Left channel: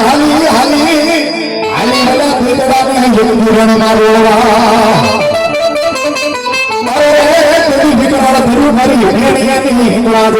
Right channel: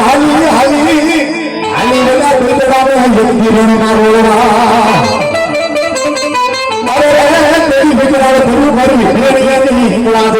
હાલી હાલી હાલી બધા બેટરાને જલ્દી રણ મારો અરે તેરી બેટરાને ગુરુ મારી હેણીયાની હિંગલા દે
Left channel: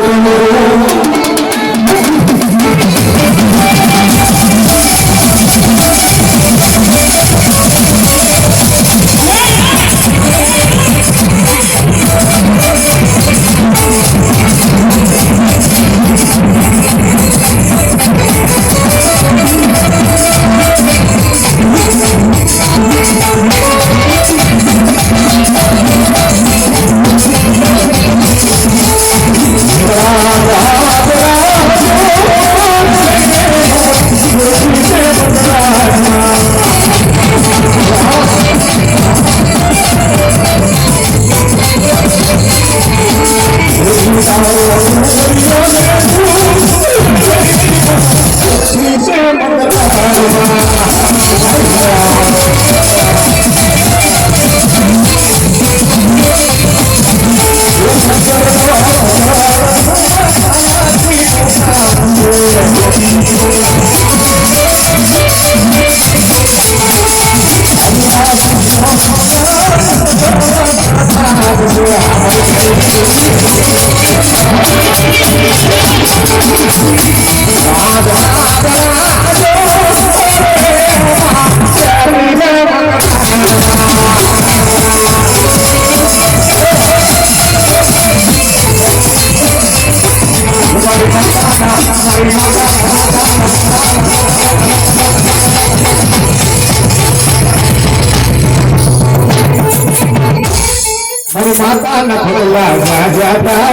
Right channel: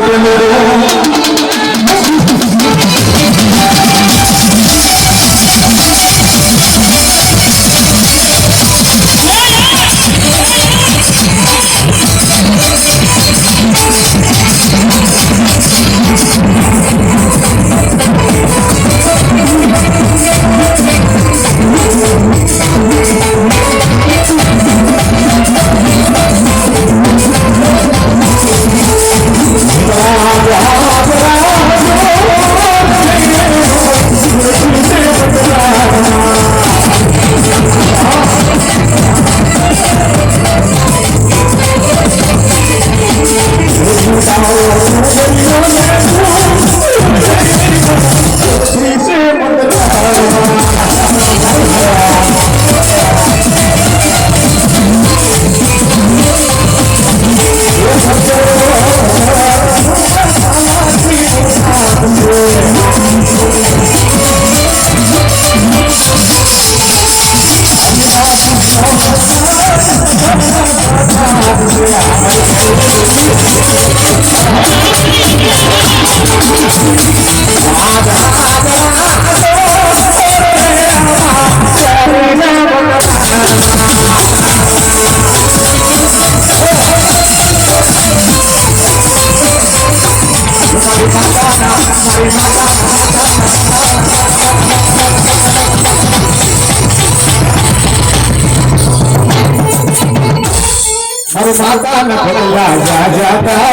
મારી માતા ન ખોલા જા જાતા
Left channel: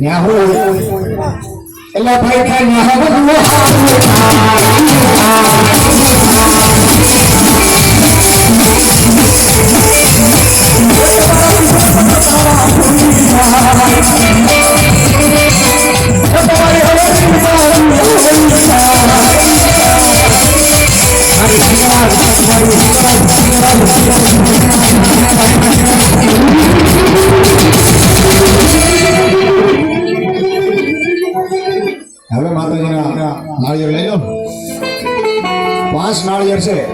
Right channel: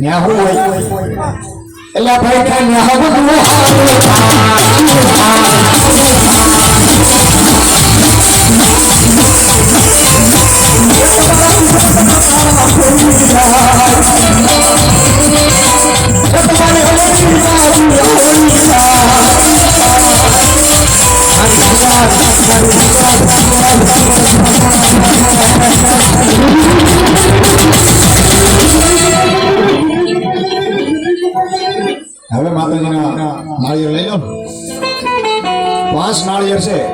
ન્યાહો એલા ભાઈ કે ન્યાહો હવે માતાજીના નાળિયેર લઈ લો 5 નાળિયેર છે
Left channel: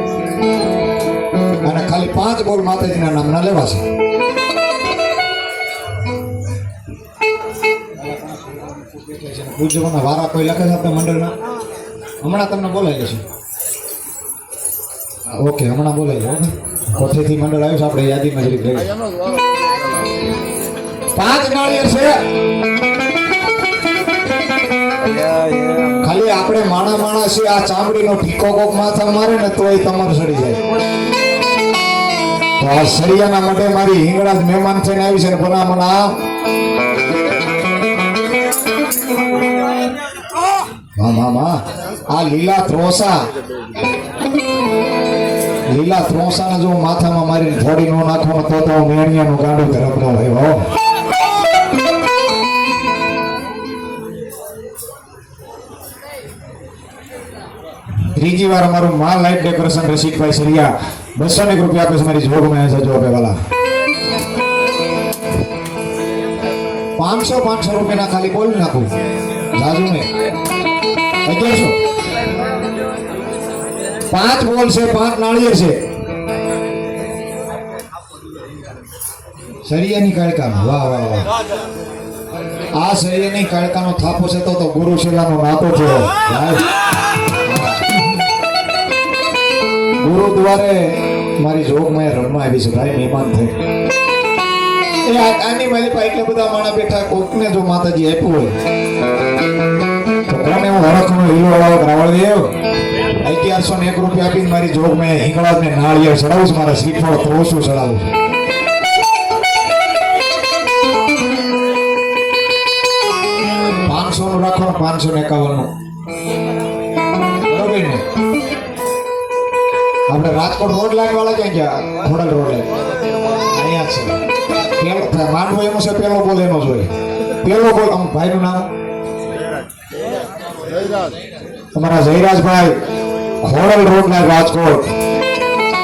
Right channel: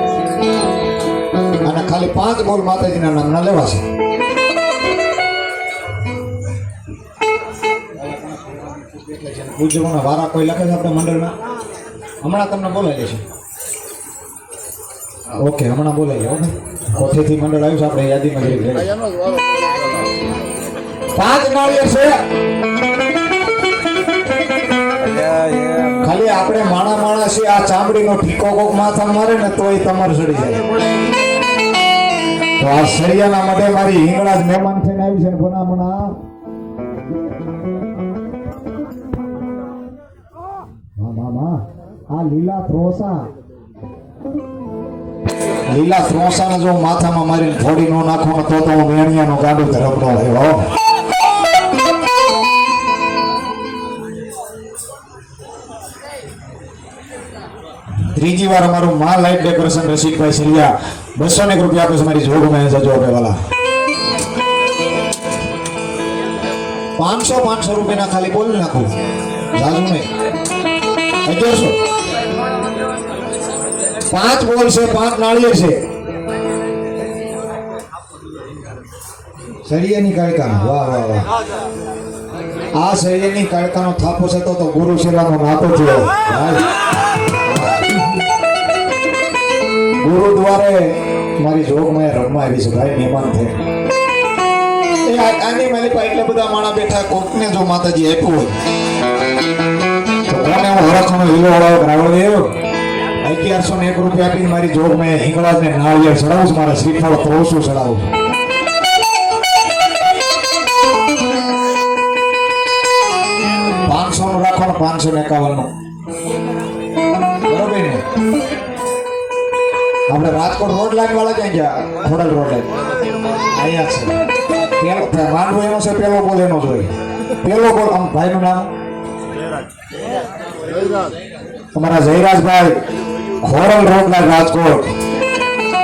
અને ખાલી 5 બોલ માતાજીના નામના લેવાશે પૂજવાના વારા કોઈ લખે છે આપણે મંડળમાં હમણાં તમને બોલાવી લેશે ઓકે હમણાં બોલાવી ઓકે કોથેથી મંડળ આવ્યું છે આપણે યાદીમાં જરીક લઈ 5 નાળિયેર છે ખાલી આપણે માણસ છે આ ચામડીનો ઠીકો કોક માથા મારે ને તોય તમારે સડી જાય તો આ સળિયાના માટે મારી હિંગળા જ મહેમાન થઈને આવી છે ને ભલામણા આ લીલા ત્રોસાને જો માથામાં મારી થોડી નો નાખો ને તો હું મેણિયાનો ગાંડો ધરપડો રહ્યો ત્રીજી વાર અમારું માં લાઈટ ડેકોરેશન રસિકભાઈ સરિયા 200 રૂપિયા આપે મારી જોગ में जजो पे वाला 500 રૂપિયા ખાલી બોલી નાખું જાજુ ને 1100 5 બોલ છે 5 નાળિયેર છે સરિયાની કાળકા વાહ વાહ વાહ આ સરિયાની કાળકાનો થાપો છે તો ગુરુ શિલાનો નાતો છે ગુરુદ્વારે મારી જોગ મેં રમવા આવી છે ભાઈ મહેમાન છે એ આની મારી પાસે એટલા બધા માણા બેઠા કોકને જો માતાજી આપ્યું હોય તો કોને હું હરખનો હીરો વાળો રાવળ દેવ 1101 રૂપિયા આપીને મારી જોગ મેં હિંગળાજને નાળિયેર ચડાવું છું મારા શ્રીફળ ત્રોસું ચડાવું 500 નું રાખો ને 551 નું બરોબર ને આપણે રાજકોટ રોડ લાઈન વાળા ક્યાં ગયા ખોડલ રોડ લાઈન અહીંયા છે પેલો માંડવો એનો છે પેલો બોલ એનો જોઈ પેલો બોલ આમ ભાઈનું નામ તમારા જયરાજભાઈ ખોડલ રોડ લાઈન રાજકોટ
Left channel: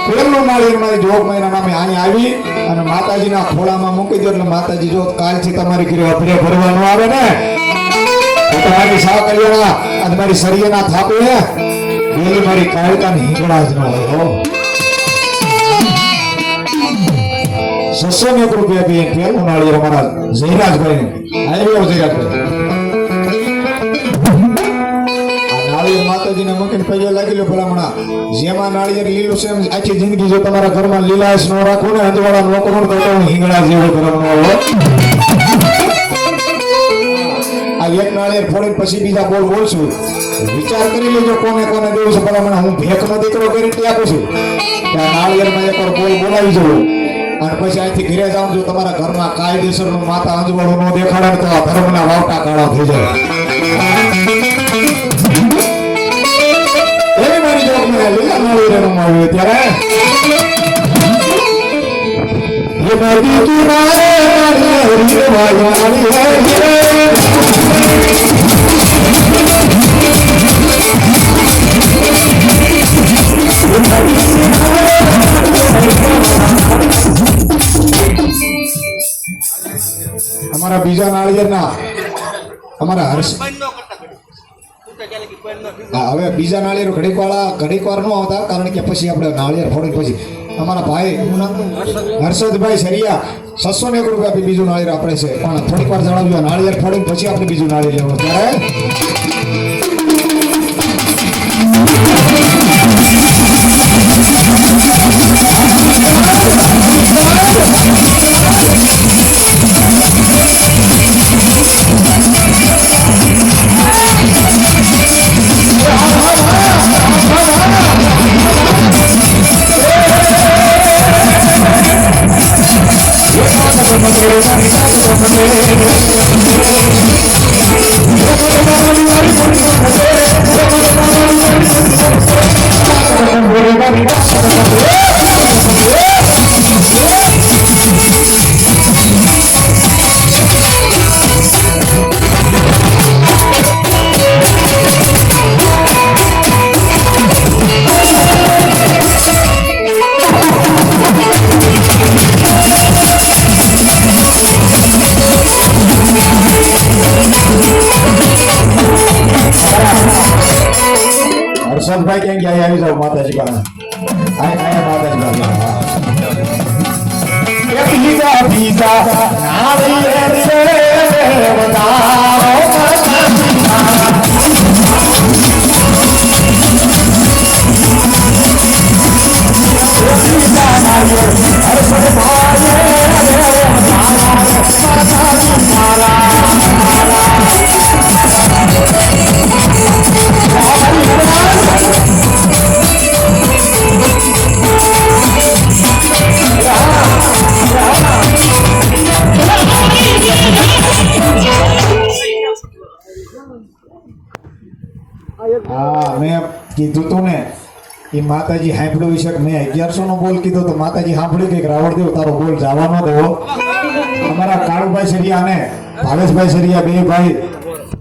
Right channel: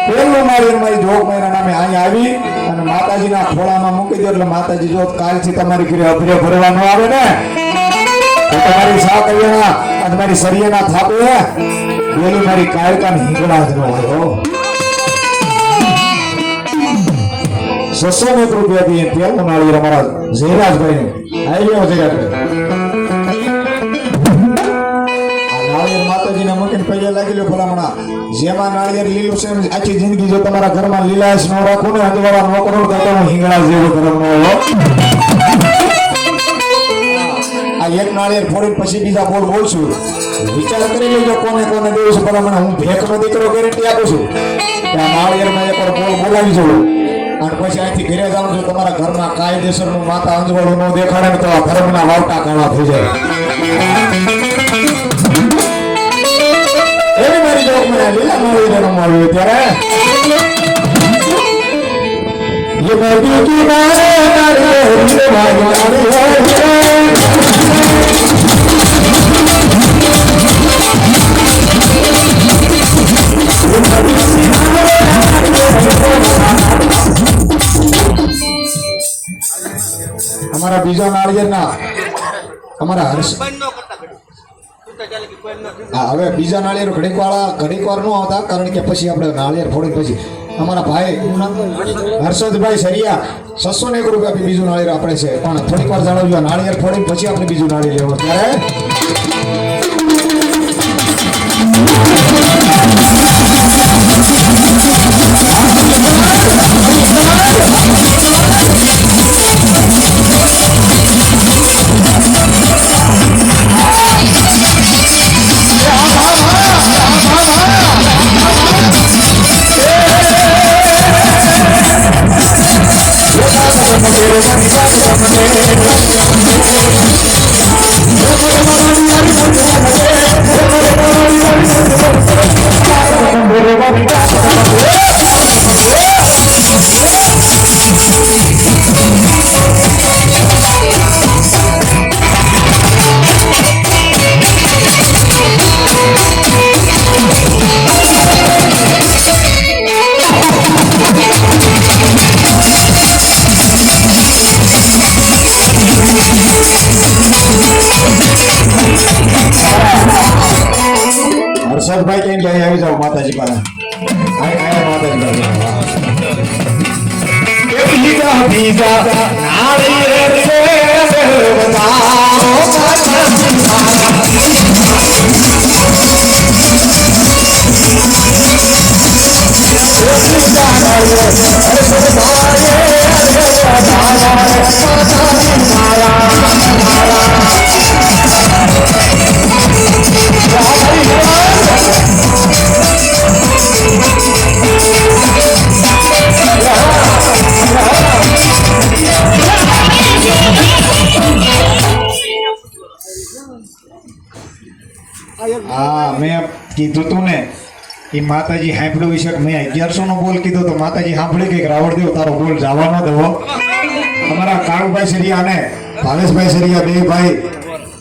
પેલું નાળિયેર મારી જોગ મહિના નામે અહીંયા આવી અને માતાજીના ખોળામાં મૂકી દો એટલે માતાજી જો કાલથી તમારી ઘરે અભરે ભરવાનું આવે ને તમારી સા કલ્યાણા અને મારી સરિયાના થાપે બોલી મારી કાયકાની હિંગળા જ ન હોય હો 600 રૂપિયા આપી પેલું નાળિયેર અમારા જયરાજભાઈ આવ્યો જયરાજભાઈ નાળિયેર માતાજીને મૂકીને પૈયા લાગી લો ભલામણા જેમાં નાળિયેર લીલું છે આખી જિંદગી જો તમારા ઘરમાં લીલાશ ન રાખું ને અંજવાળા નો કરોડ કરતા હું હિંગળા જેવો ભલામણો હો આ એક નાળિયેર ફોડીને પછી બીજા બોલ બોલશું વિચાર કરી લેજો કોને કોને દેવું છે ભલામણા હું ભેખનો દીકરો ગેરંટી આપું છું કે આ નાળિયેરમાં એકવાર બોલ બોલાવી જવું અને પછી અહીંથી ઘરે જાઉં છું તમારા ઘરમાં કાયદેસરનું માતા અંજવાળું ન દેખાડે ને તો આ ધર્મના વાવટા કાળા થઈ જાય એની મારી જોક મને લીલા નાળિયેર રમાવ્યું ત્યારે ये नदी किनारे हमारा बीजा नाळिયેરના हमारा हर्ष હવે બીજા નાળિયેર ઘડીકવાર નો આવતા કારણ કે પછી આપણે નાળિયેર ફોડી પછી અમારા ભાઈ હર્ષદભાઈ સરિયા 601 રૂપિયા આપી બીજું નાળિયેર આપણે છે પણ થોડીક વાર જણાવજો નાળિયેર ફોડી પછી આપણે બીજું નાળિયેર લેવું ત્યારે હર્ષદભાઈ કેમ જાય આવી જાવ માતાજી પાસે આયા માતાજી પાસે બીજા બીજા નાળિયેર રે બતાવો હા મેં કીધું તું ને એ માતાજી સાંભળ્યું વિશે મેં 1100 નો બોલ કીધો તો માતાજી સાંભળી કે રાવણદેવ તારો બોલ જવા ન દેવો અમારા કાળુભાઈ સરિયા અને ભાવેશભાઈ સરિયા બે ભાઈ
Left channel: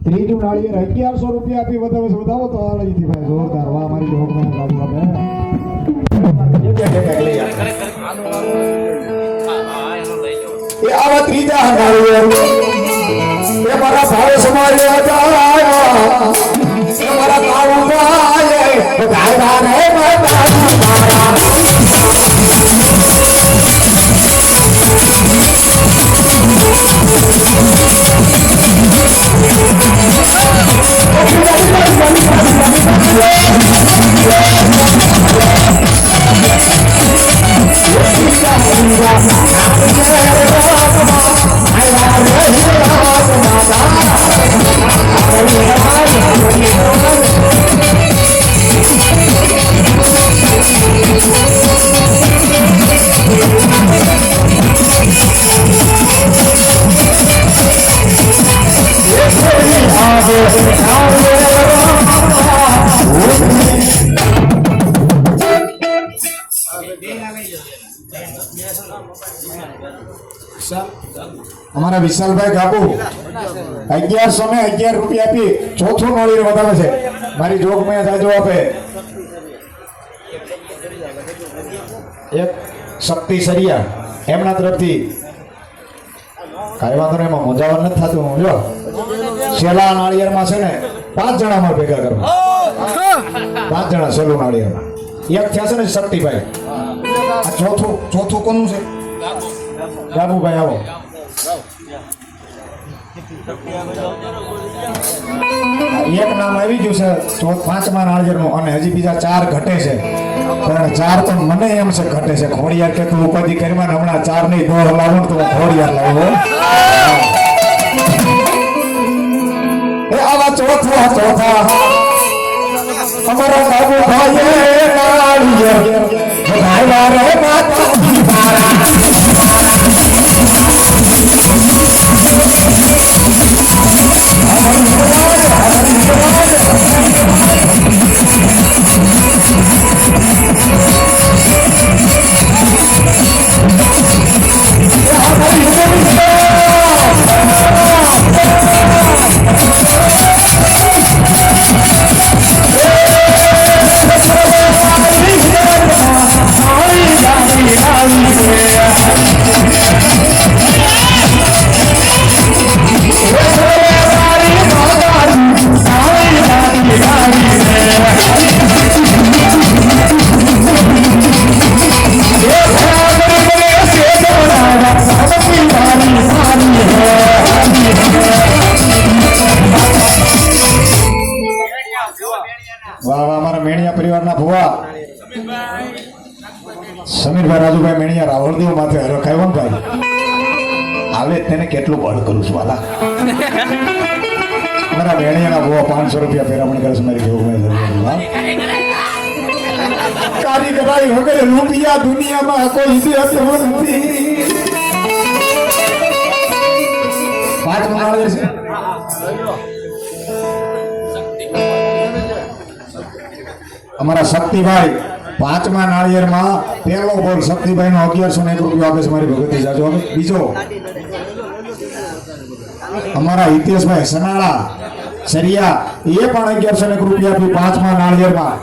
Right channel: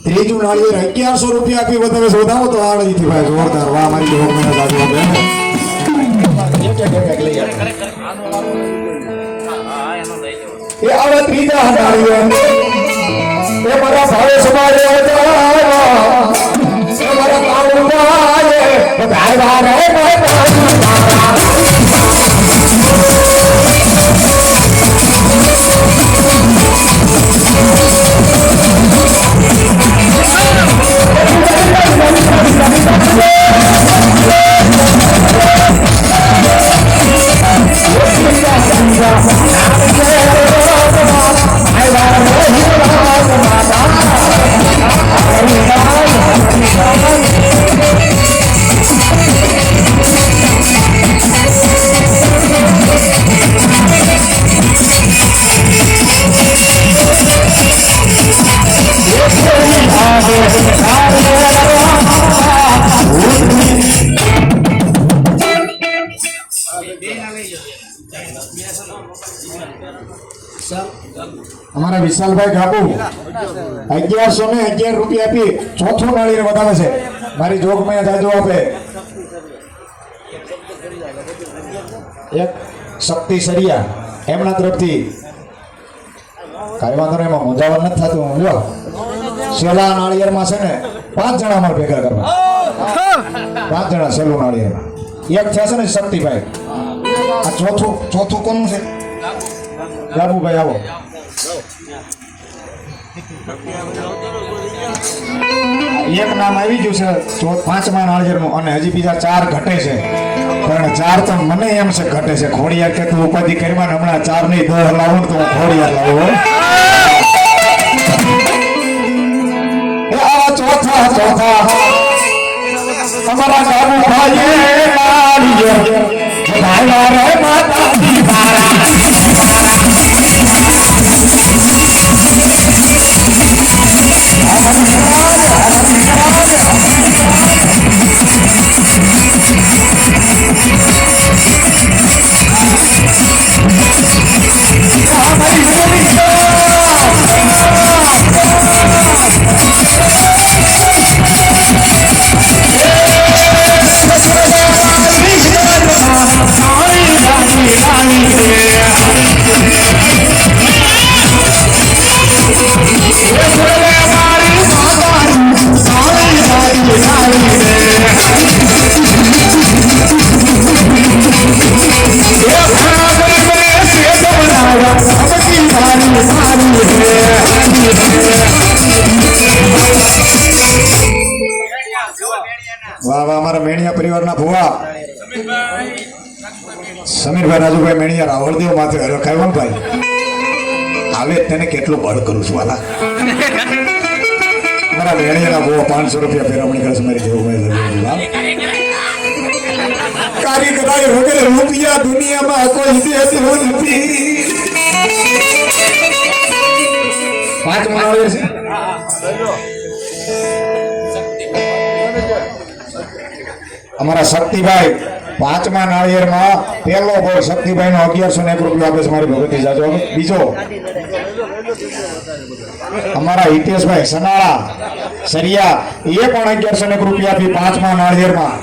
ત્રીજું નાળિયેર 1100 રૂપિયા આપી વધાવો તો આળજીથી ભાઈ જોરદાર વાહ મારી જોગ મને સાજુ આપે એ આવા ત્રીજા નાળિયેર એ મારા ભાવેશ સમાજ હતા हमारा विशाल भाई बाबू 1100 ने 11 रुपया આપી ચોથું નાળિયેર વધારે છે મારી જોગ में જાજો આપે એક શક્તિ સરિયા એમના તરફથી કાંઈ વાંધો નહીં, એમાં મૂંઝાવણ નથી થતું. હું જો સેલા નાળિયેરમાં છે ને 5 જણા અમારે ભેગા કરવા, 5 જણા સેલું નાળિયેરમાં. એક થયા છે ને શક્તિભાઈ, આ ચોથું કોનું છે? બાબુભાઈ આવો. એક નામ આવી ગયું છે 5મા નાળિયેરનું, અને હજી બીજા 4 ઘટે છે. પણ 4 તો મને એમ છે ઘટે છે. ખોડિયાર કે તું ઉપાધિ કરવા, હમણાં 4 નહીં 2 લાવું તો હું ખોડિયાર લાવું. આવા ચોથા અમારા બાબુભાઈએ નાળિયેર વધાવ્યા રે માતાજી મારા. વાહ વાહ, અમારા મેણિયા પરિવારના ભુવા સમીરભાઈ રાજુભાઈ મેણિયા રાવળદેવ માથે રખાયો ભાઈ. આવે તેને કેટલું બળ કરું છું વાલા. અમારા મેણિયાના ભુવા 500 રૂપિયા પેરામણી કરે છે મારી દેવભાઈ. કારીગરાઈ વગેરે રૂપિયા દુનિયામાં કોઈ ઇતિહાસ નથી. 5 મનાવે છે. અમારા શક્તિભાઈ 5મા નાળિયેરમાં પહેલો બોલ શક્તિભાઈ નો 1101 રૂપિયા આપે છે મારી ભગવતી જાજો. બીજો અમારા હિતેશભાઈ સનાળા સરિયા, એ પણ 1101 રૂપિયા આપી 5મા નાળિયેરમાં.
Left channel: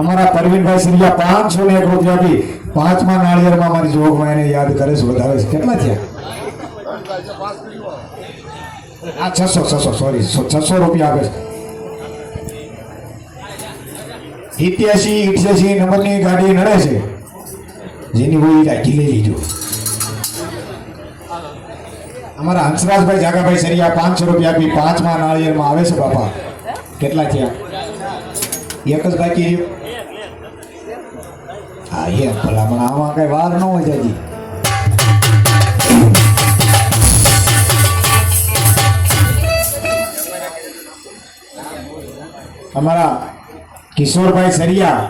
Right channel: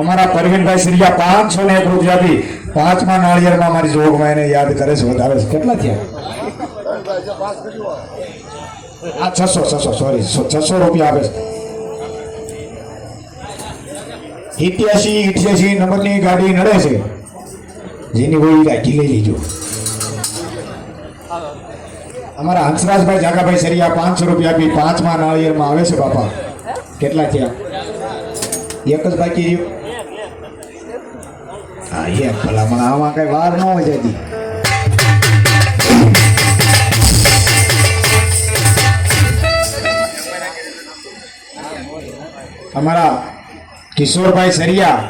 અમારા પરવીનભાઈ સરિયા 501 રૂપિયા આપી 5મા નાળિયેરમાં મારી જોગમાં એને યાદ કરે છે, વધારે છે. કેટલા થયા? આ 600 રૂપિયા આપે છે. 88 નંબરની ગાડી નડે છે, જેની હોય રાખી લઈ લીજો. અમારા હંસરાજભાઈ જાગાભાઈ સરિયા 500 રૂપિયા આપી 5મા નાળિયેરમાં આવે છે. બાપા કેટલા થયા? એક જ બાકી. હા એ ભલામણ, આમાં કઈ વાર ન હોય જતી. અમારા કિશોરભાઈ સરિયા,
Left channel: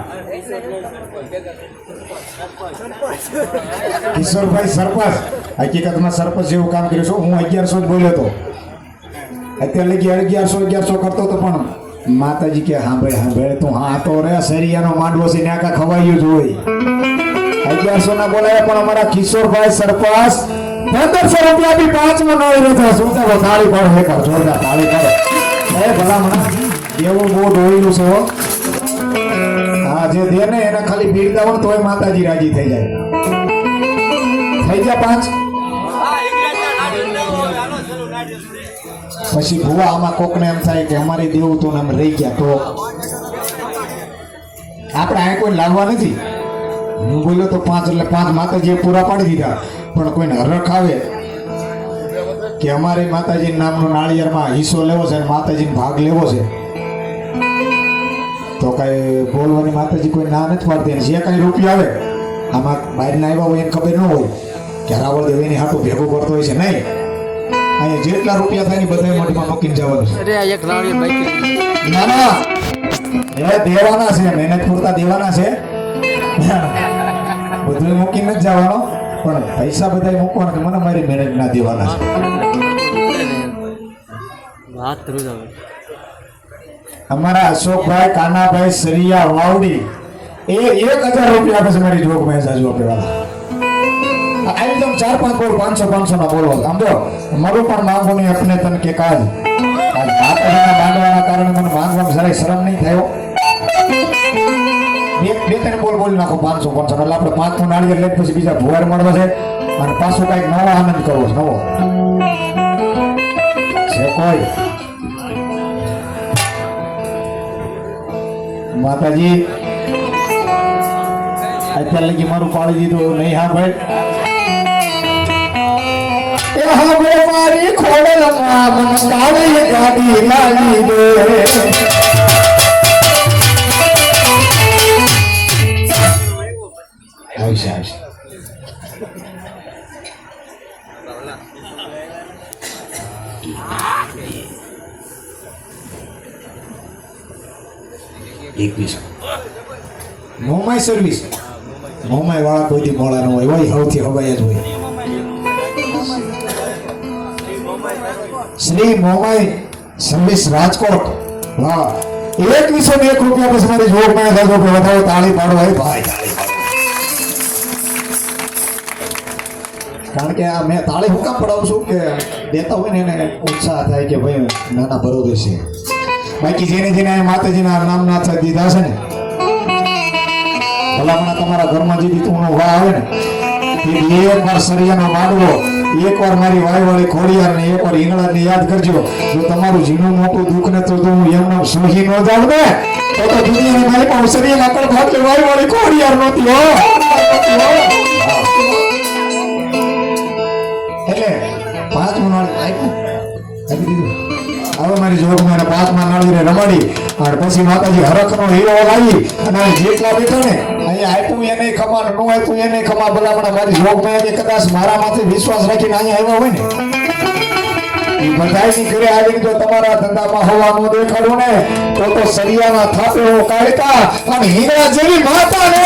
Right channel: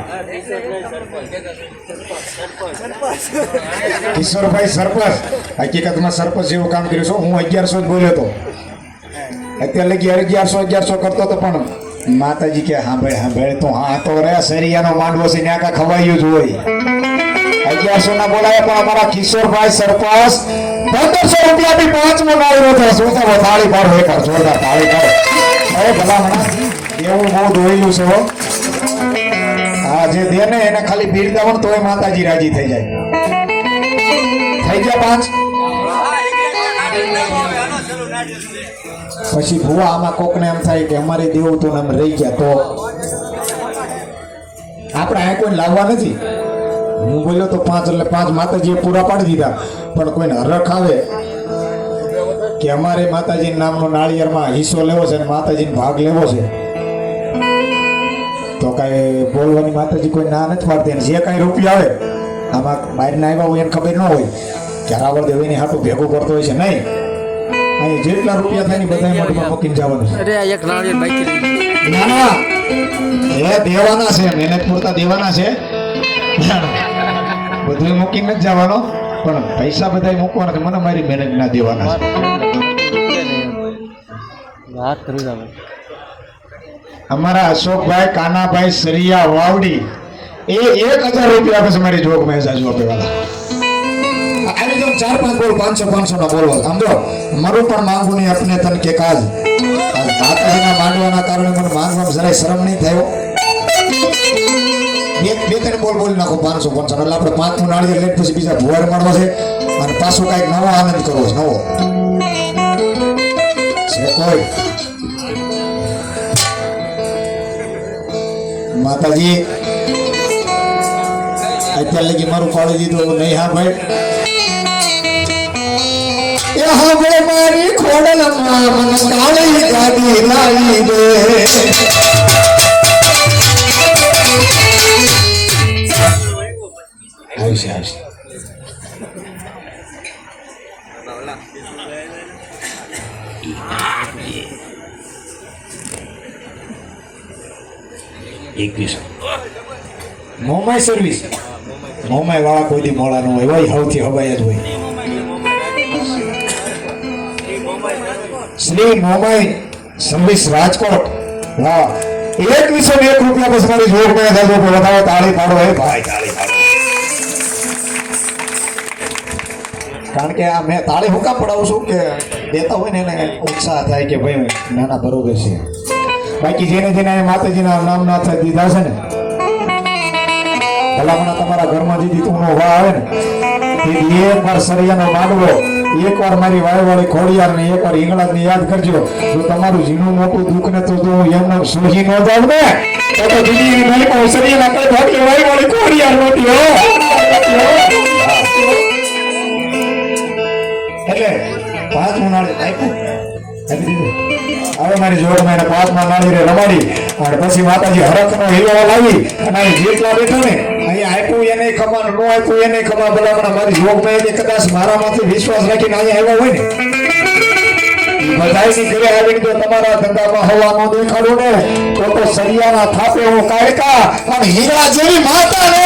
કિશોરભાઈ સરપંચ, હકીકતમાં સરપંચ જેવું કામ કર્યું છું. હું 1100 જ બોલ્યો હતો, અત્યારે લગી 1100 કરતો હતો. પણ માતાજી કે સાંભળ તો હા તો રે સરિયાનો માંડવો છે ત્યાં કા ખવાયું જ હોય. 1100 ના બોલાયા, પણ અમારા કિશોરભાઈ સરપંચ 1500 રૂપિયા બી 5મો નાળિયેર હતો. શું તો તાળી પાડો, એક જોરદાર તાળી પાડો. હવે ભલામણ એવું બહુ દોયેલું છે. હા, જે દે ને એને ખાલી બિરદાવણ તોય માતાજી રાજી થઈ જાય. થઈ ગયા 5. પછી ભુવા આમાં કોકને એમ થાય કે અમારી દેવું તો એમ રહી ગયા, તો આપણે અહીં કોઈ લાવવા નથી. હું બોલ્યો તો 5 એટલે 5 માતાજીએ પૂરા પાડી દીધા. પણ કોઈને હરખ આવે કે અમારે માતાજી નામનો નાળિયેરમાં હિસ્સો લેવો છે અને માતાજીને ભાગ લેવો છે, તો કાંઈ બોલવાની માતાજી કોઈ ના નથી પાડતી. અને જે કાંઈ રૂપિયા આવે આમાં બહારના આવ્યા હોય એને ખબર ન હોય કે રાવળદેવ એની હાટું ભેગું કરતો હોય છે. નહીં, અહીંયા જેટલા રૂપિયા થાય ને બધા મઠમાં મૂકીને જવાનું છે. ના ના, એ દેવાના છે, મહેનત પૂરતા દેવાના છે. બધું મૂકીને જ જવાનો, પણ પૈસા બધા મૂકવાના છે. મને મારી મહેનત ના દેવાના છે. અમારા અશોકભાઈ કાનાભાઈ સરિયા વાવડી એ 1000 રૂપિયા આપે છે મારી જોગમાં. જાજુ આપે વાળા આવી જાવ. 4-5 બોલ 500 ના બોલવા. આમ જો મારું પણ માંગુ નહીં આપને તન કે કાજ માતાજીના માંગવાના કારણે મને માંગવામાં જરા શરમ નહીં થયો. બે ત્રણ બોલ બોલી નાખો 500 એટલે આપણે 5 નાળિયેર લઈને પછી બીજા ભુવાર મળવા છે. અને પાછું કઈક નવો આનંદ કરવો છે, નવો છે કોઈ માતાજી અત્યારે લગી મારું પાડું દીધું નહીં. હા ભાઈ હવે મારી ખોડલમાં મને કાળી ગાડી લાવી દે. આવશે આવશે. મોમાઈ સર્વિસ મોમાઈ વાળા કોઈ દી મોડા ન હોય, હોય સૌથી હવાઈ જ હોય. શ્રી મોમાઈ સર્વિસ રાજકોટ. વાહ, 2101 રૂપિયા પછી મારી જોગમાં થતો વધાવો. તાળી પાડો ભાઈ, તાળી પાડો. કારણ કે આ મેં તાળી હું કામ પડાવું છું કે દેતા હોય ને એને ઉત્સાહ થાય કે ભાઈ નાના બરોબર છે. બાકી જેને જેને માતાજીના નામ ના થાય દીધા છે ને, ભલામણા તમારા ઘરમાં જે દીકરીનો વાહ આવે ને એ એકવાર સરિયાનો માંડવો, એકવાર મારી વાયવાળી ખોડિયારને, એકવાર હિંગળાજને યાદ કરજો. જો તમારું જીનું મોટું દુઃખ ને તો હું એમને સોહી ન જાવ ને તો દુનિયાની મારી સરિયાના કઈ ભાગલી વાયવાળી ખોડિયાર નહોતી હો. એટલે 5 નાળિયેર આપી દીધું. હવે મારી જોગમાં 5 નાળિયેર રમાડી અને પછી માતાજી હરખનો હીરો લાવી અને જેટલા બેઠા ને અહીંયા આપ્યું એને ખમા, ન આપ્યું એને ખમા. ભલામણા મારી જોગમાં કદાચ મારામાંથી વિશ્વાસ રાખીને અહીંયા આવ્યા હોય ને બધાની ઘરે આવીને જો તમારા ધંધામાં હવા ન દેખાડું ને તો સરિયાના થાપે હું કાઢતા અને હીરા જેવી માતા ને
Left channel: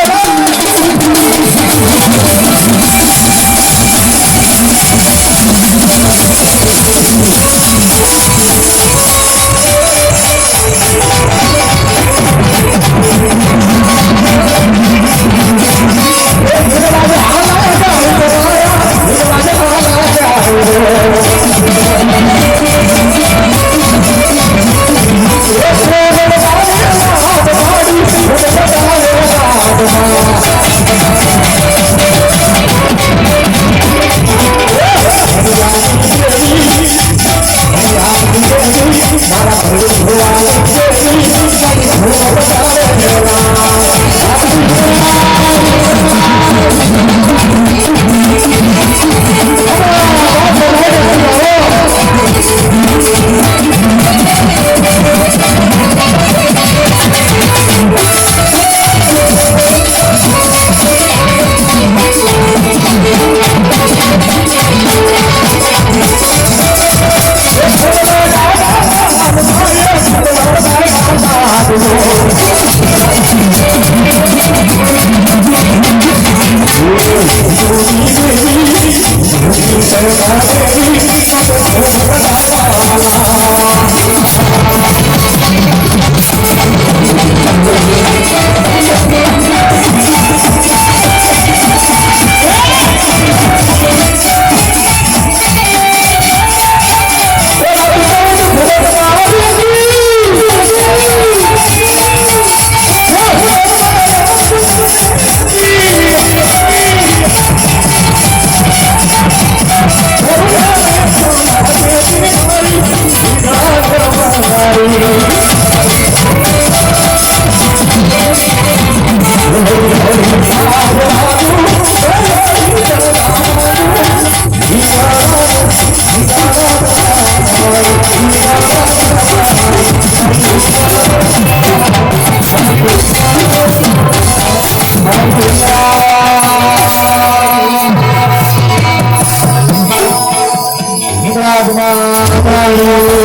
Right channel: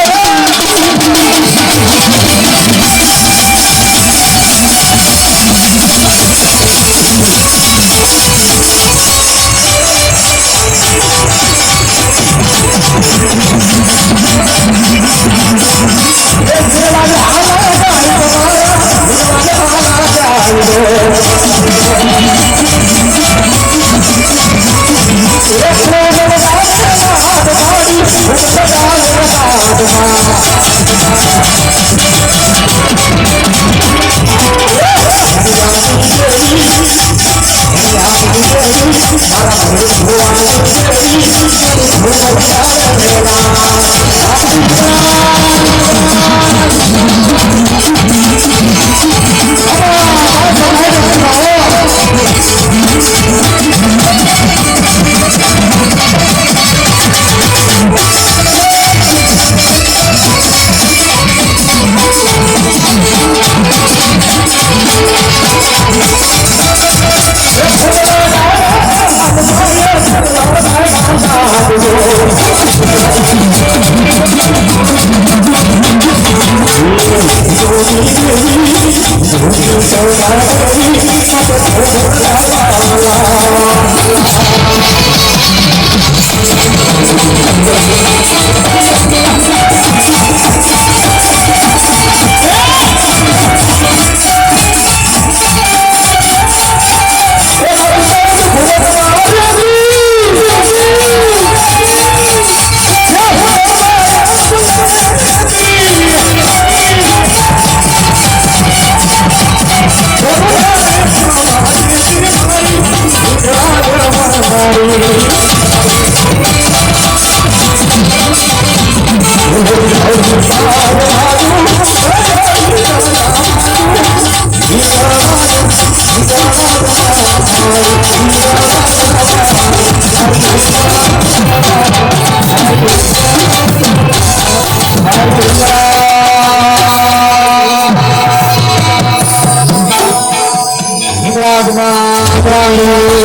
Bye.